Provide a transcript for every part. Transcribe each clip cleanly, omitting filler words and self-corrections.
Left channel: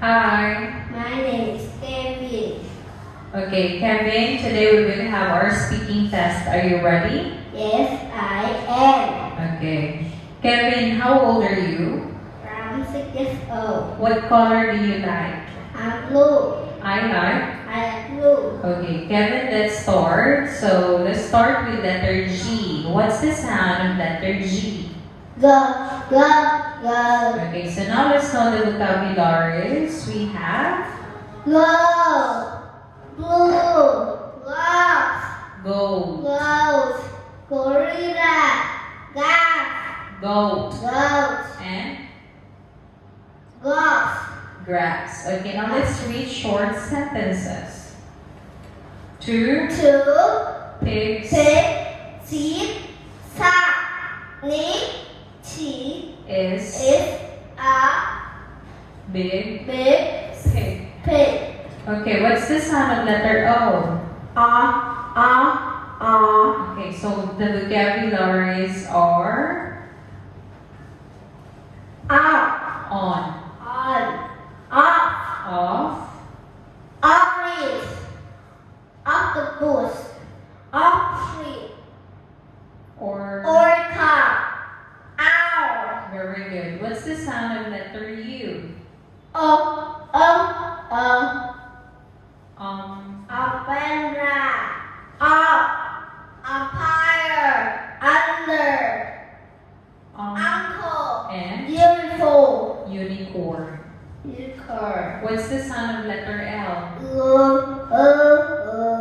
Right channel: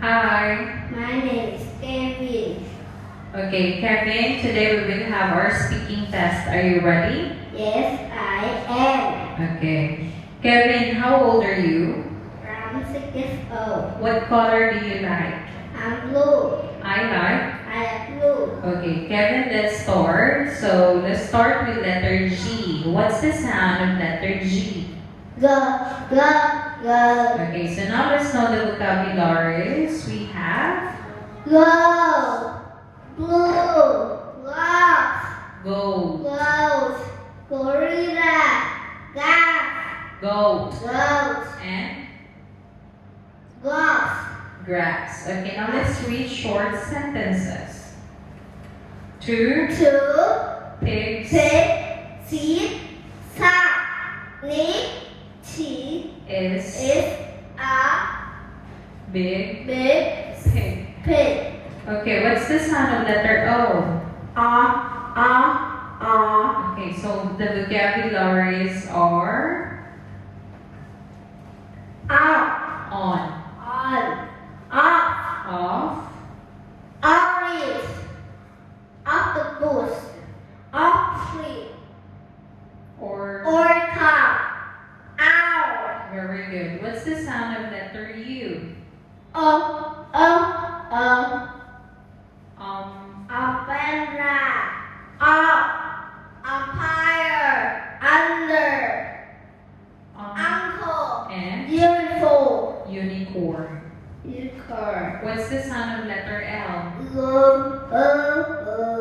Hi. My name is Kevin. Okay, Kevin, today we will have our speaking test. Are you ready? Yes, I am. Okay. Kevin, how old are you? I'm 6 years old. What color do you like? I'm blue. I like. I like blue. Okay, Kevin, let's start. So let's start with letter G. What's the sound of letter G? Go, go, go. Okay, so now let's know the vocabularies. We have Go, blue, gloves, goat, gloves, gorilla, gas, goat, gloves, and gloves. grass. Okay, now let's read short sentences. Two Two, pigs six, seed, sack, knee, tea, is is a big big pig. pig. Okay, what's the sound of letter O? Okay, so the vocabularies are Up, on, on, up, off, orange, octopus, up tree, or. orca, owl, Very good. What's the sound of letter U? umbrella, up, umpire, under, uncle, And beautiful, unicorn. unicorn. What's the sound of letter L?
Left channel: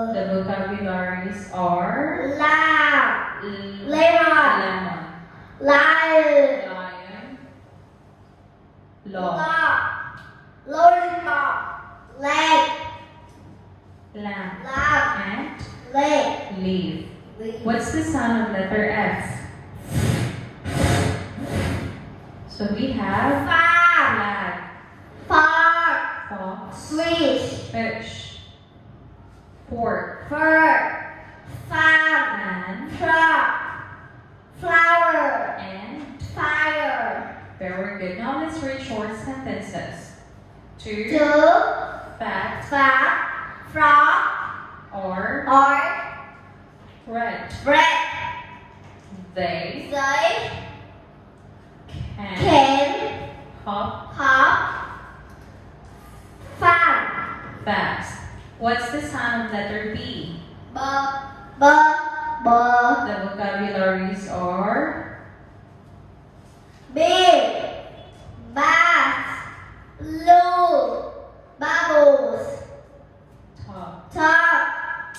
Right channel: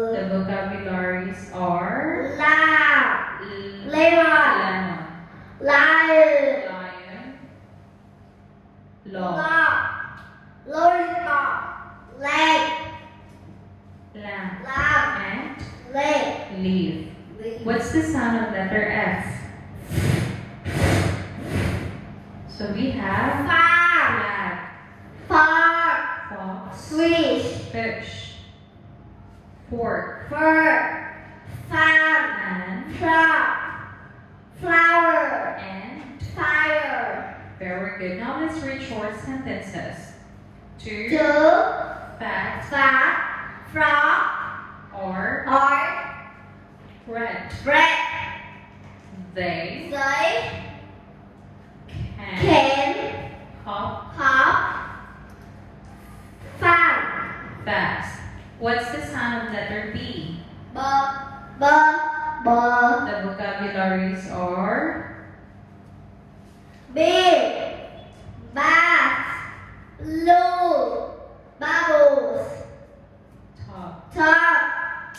The vocabularies are Lamb, lemon, lion, lion, log, lollipop, leg, lamp, lamb, and leg. leaf. What's the sound of letter F? So we have Flag, flag, park, fox, fish, fish, pork, bird, fan, and truck, flower, and. fire. Very good. Now let's read short sentences. Two Two, fat fat, frog, or or red. bread. They They can can hop hop fun. fast. What's the sound of letter B? B, b, b. The vocabularies are Big, bass, low, bubbles, top, top,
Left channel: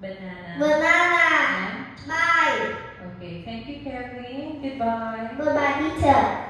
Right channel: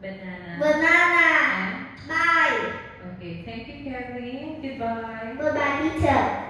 banana, banana, and bye. okay. Thank you, Kevin. Goodbye. Goodbye, teacher.